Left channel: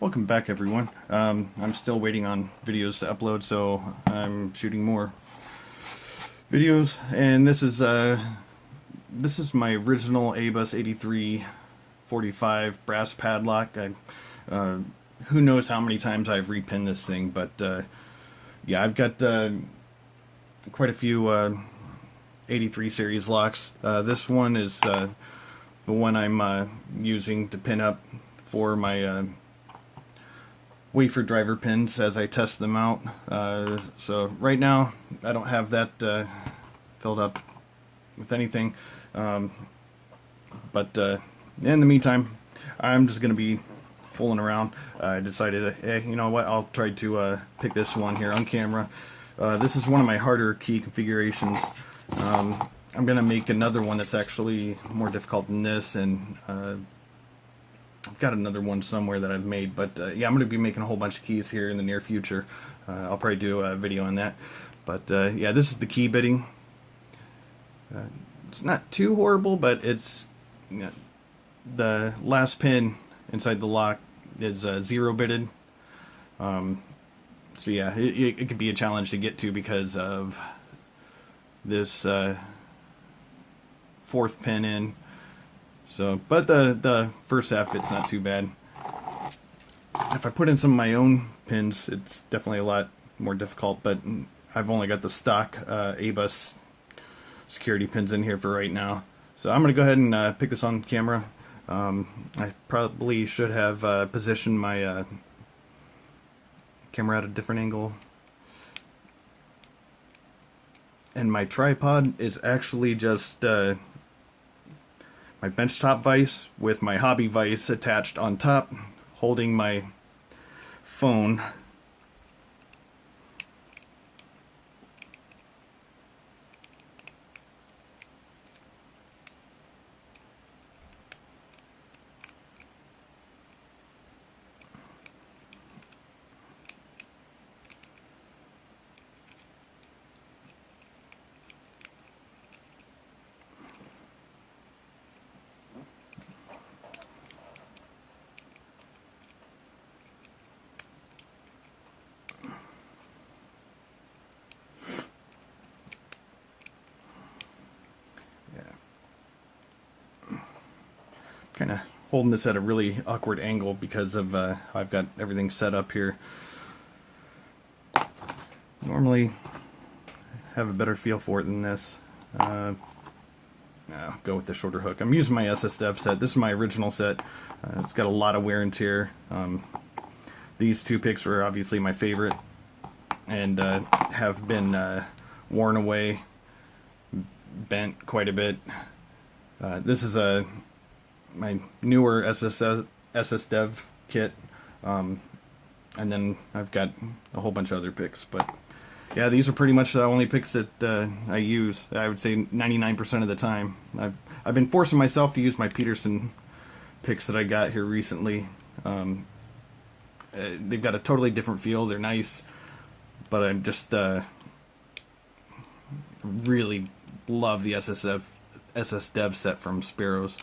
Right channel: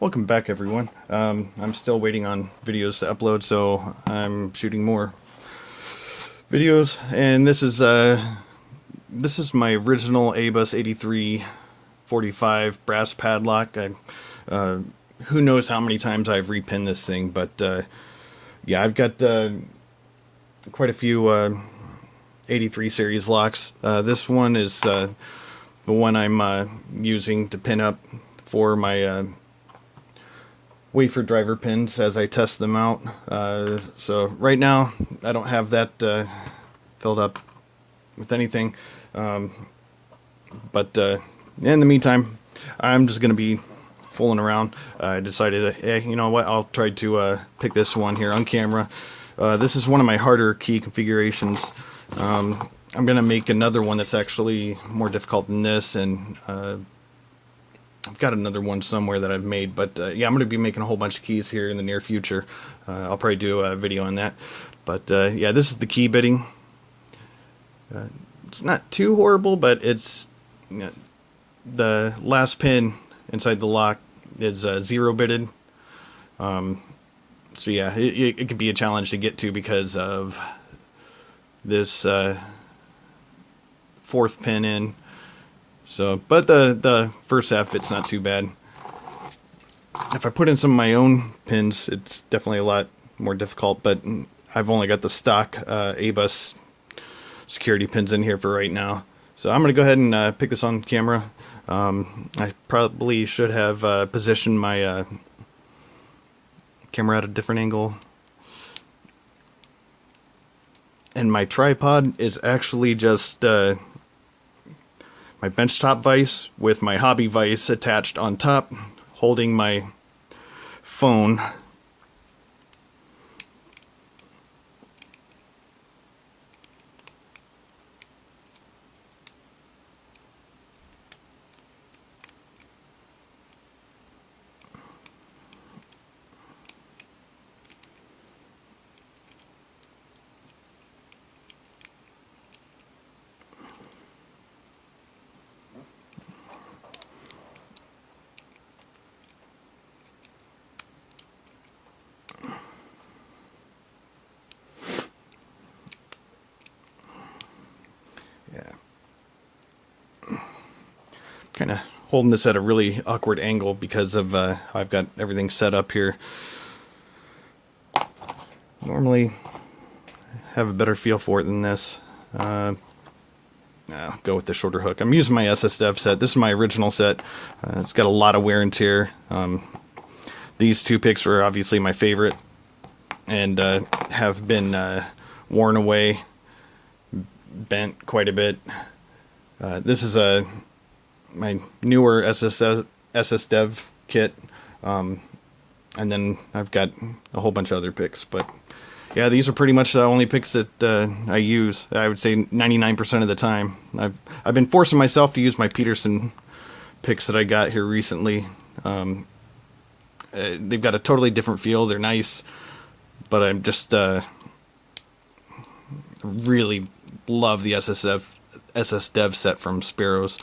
Welcome back, everyone. I'm still waiting on videos to upload, so I'm shooting more videos. And this is my original ABUS 8345 brass padlock. Who knows how many times I've repinned this thing, but yeah, I've got quite a few 83 series locks. This one is the one I'm using to pin up for my wafer driver pins as I test them out. So right now I don't have that filled up with anything, but in the meantime I'm just gonna be fooling around. I decided, hey, you know what, I'll try to pick this one here on camera. This is one of my harder key configurations. I'm gonna make another one that's actually more difficult than this, and I've got another one somewhere that I've made, but yeah, I'm going to be making a whole bunch of keys here in the near future. I'll probably do a video on that. But yeah, this is the key bitting. It's not too horrible, but it's the last pin inside the lock is 0-bitted. So yeah, it could be a challenge to get to because of this fourth pin in. So, but the first half, it's not too bad. If I put in some of my own pins, it's definitely a lot more difficult, but I've only got the stock ABUS security pins in here for right now. So I'm going to go ahead and pick this on camera. I probably should have positioned my camera at a different angle. And my tripod is actually just my benchtop vise with my hobby vise attached on top, holding my phone. Kind of holding this at a really awkward angle because of how I've got everything set up here. Normally have a better feel for it than this. I'll go with the shorter hook. I'm using my SSDev set. This is my original set. It's got a lot of wear and tear. These two picks were obviously my favorite and have been worn away, bent quite a bit. This is my newer SSDev kit, and then I've got a whole bunch of other picks, but yeah, these are pretty much the only picks that I use. I would say 99% of the time. I've been forcing myself to use my Peterson picks that I got here recently. They've got a totally different feel. They're nice, but I'm just really love the SSDev set from Sparrows.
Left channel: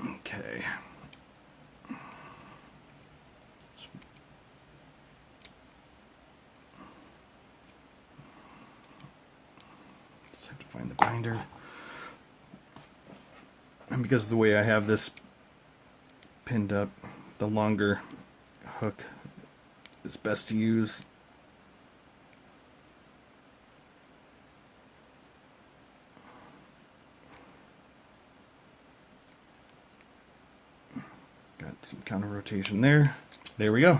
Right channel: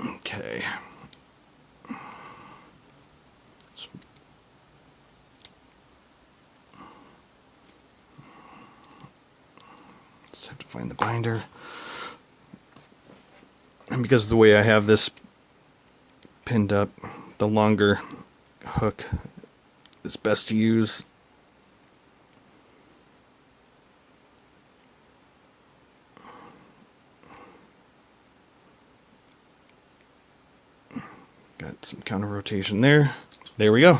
Okay. Just have to find the binder. And because of the way I have this pinned up, the longer hook is best to use. Got some counter rotation there. There we go.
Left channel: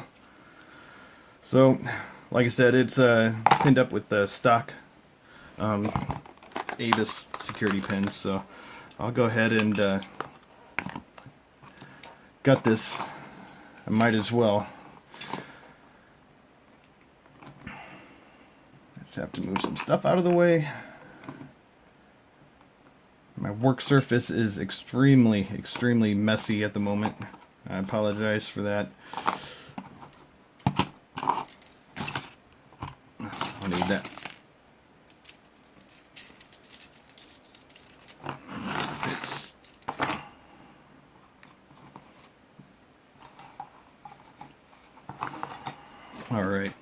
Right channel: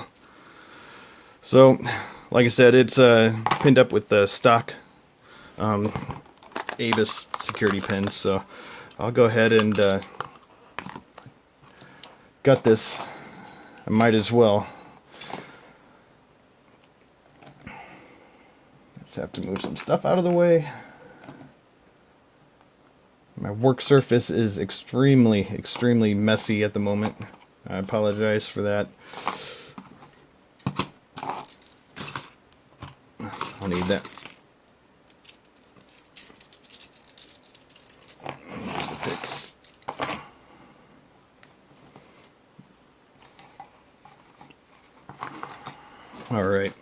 So, like I said, it's pinned up with the stock ABUS security pins. So I'll go ahead and got this. I might as well. Just have to move some stuff out of the way. My work surface is extremely messy at the moment. I apologize for that. I'll need that. All right.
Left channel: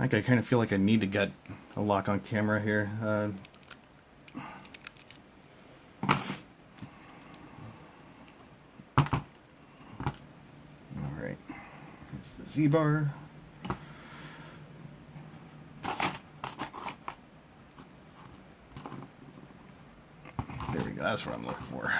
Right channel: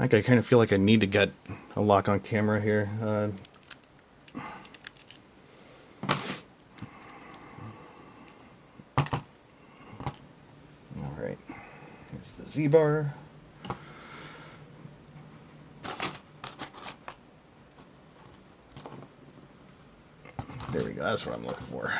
I kind of feel like I need to get a lock on camera here. All right, there's the Z-bar. There we go, that's what I'm looking for.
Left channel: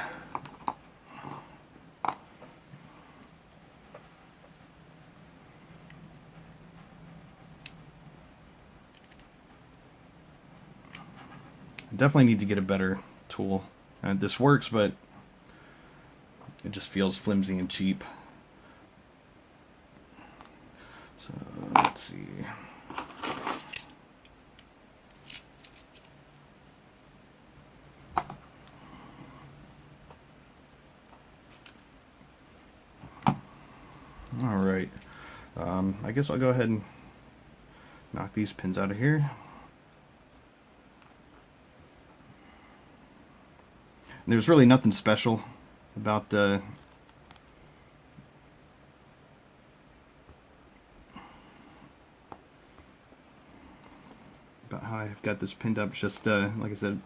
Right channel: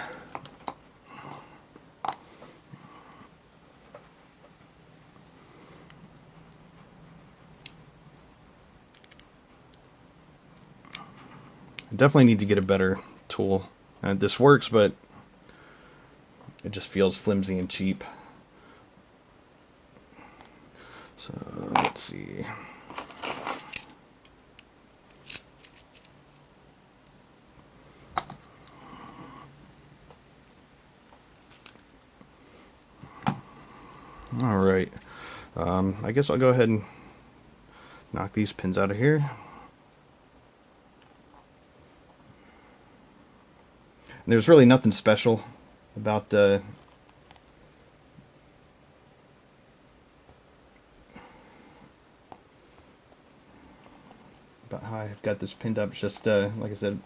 I definitely need to get a better tool. This works, but it just feels flimsy and cheap. So let's see. All right. I guess I'll go ahead and knock these pins out of here. There's really nothing special about about how I've got this pinned up. It's just like I said,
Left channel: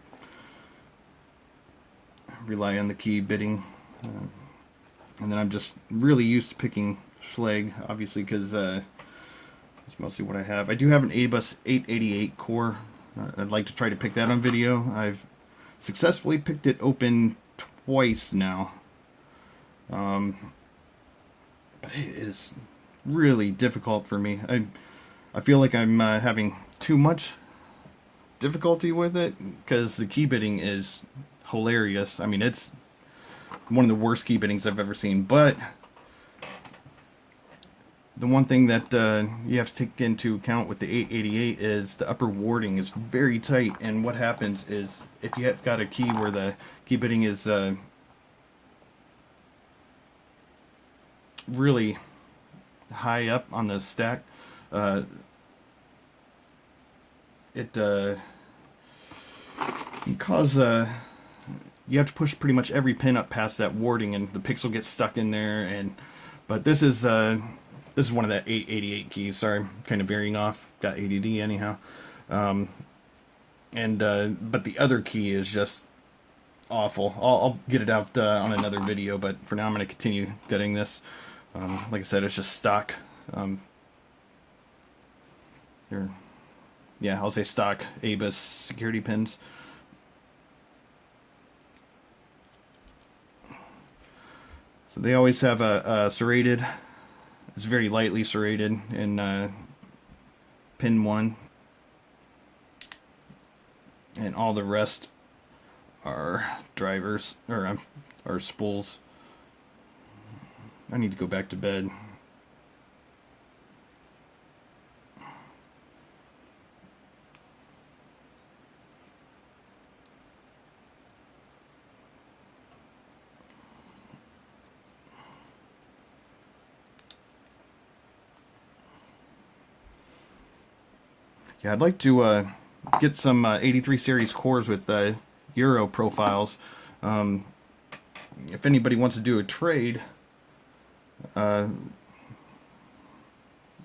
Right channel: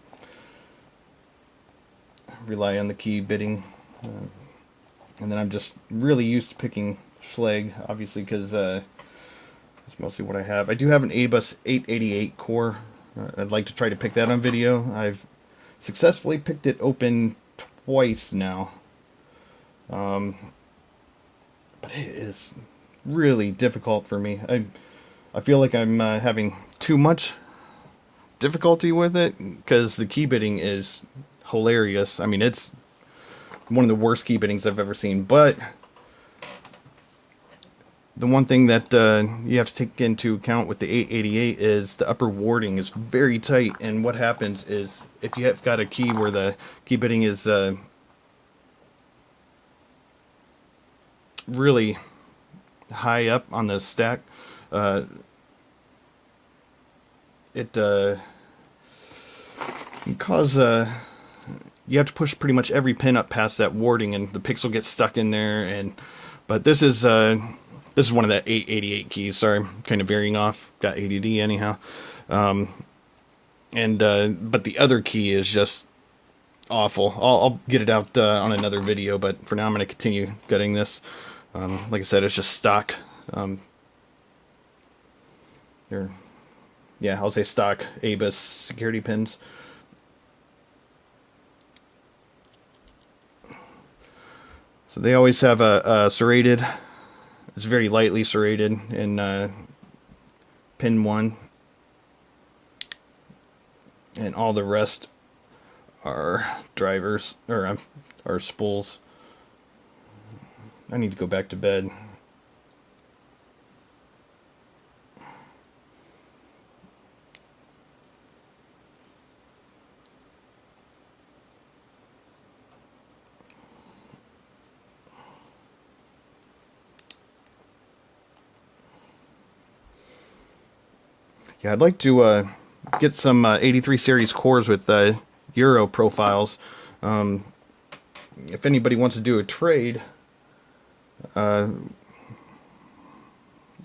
rely on the key bitting, and then I'm just really used to picking Schlage, obviously, because that's mostly what I have. I do have an ABUS 888 core. I'd like to try to pick that on video. I've successfully picked it open twice now, but it is really difficult for me. I feel like I'm having too much difficulty with it because the key bitting is hilarious. I mean, it's one of the worst key bittings I've ever seen, but the one thing that you have to take into account with the 888 is the upper warding is very tight, and what happens is if you have got a key where the key bitting is really high up on the stack, it can cause you have to push pretty much every pin up past that warding, and the pixel gets stuck in there. But this is one of the 888 keys. Sorry, I'm kind of veering off. Got ADD anyhow. But the other key is just awful. I'll get it out on another video, but for now I'm going to continue getting this. Like I said, it's just stock. Yeah, I'll say stock ABUS security pins. So they always have a serrated. It's very lightly serrated in pin 1, and all the rest are drivers or spools. I need to go back to bed. Yeah, I'd like to get some 83 series cores with Euro profiles. If anybody wants to do a trade of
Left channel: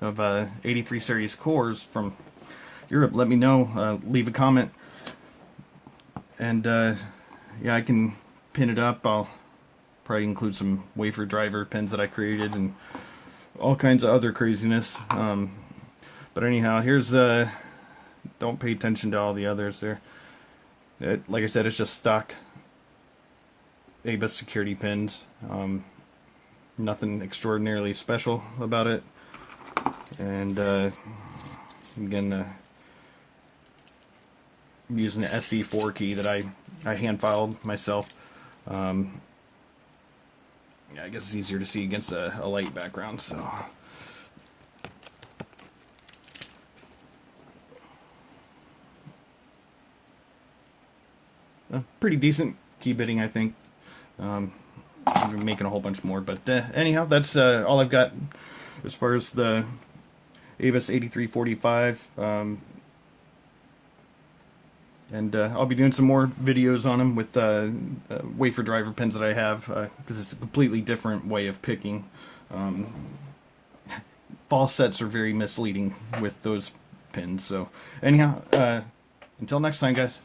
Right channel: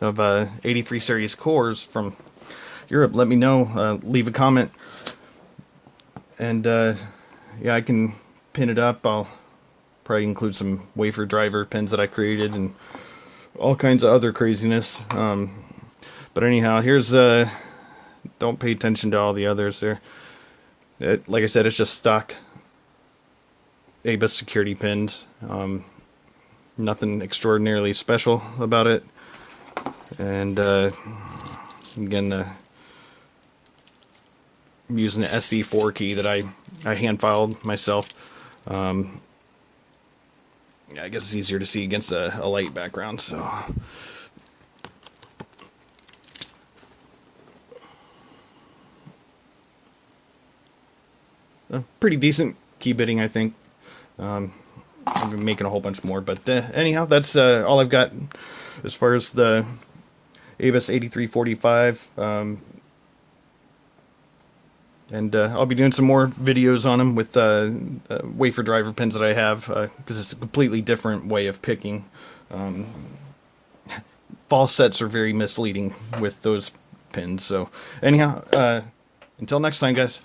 83 series cores from Europe, let me know. Leave a comment, and yeah, I can pin it up. I'll probably include some wafer driver pins that I created and all kinds of other craziness. But anyhow, here's don't pay attention to all the others there. Like I said, it's just stock ABUS security pins. Nothing extraordinarily special about it. And again, I'm using the SC4 key that I hand filed myself. Yeah, I guess it's easier to see against a light background. So. Pretty decent key bitting, I think. I'm making a whole bunch more, but anyhow, that's all I've got as far as the ABUS 8345. And I'll be doing some more videos on them with wafer driver pins that I have, because it's a completely different way of picking. Fall sets are very misleading with those pins. So anyhow, until next time, guys.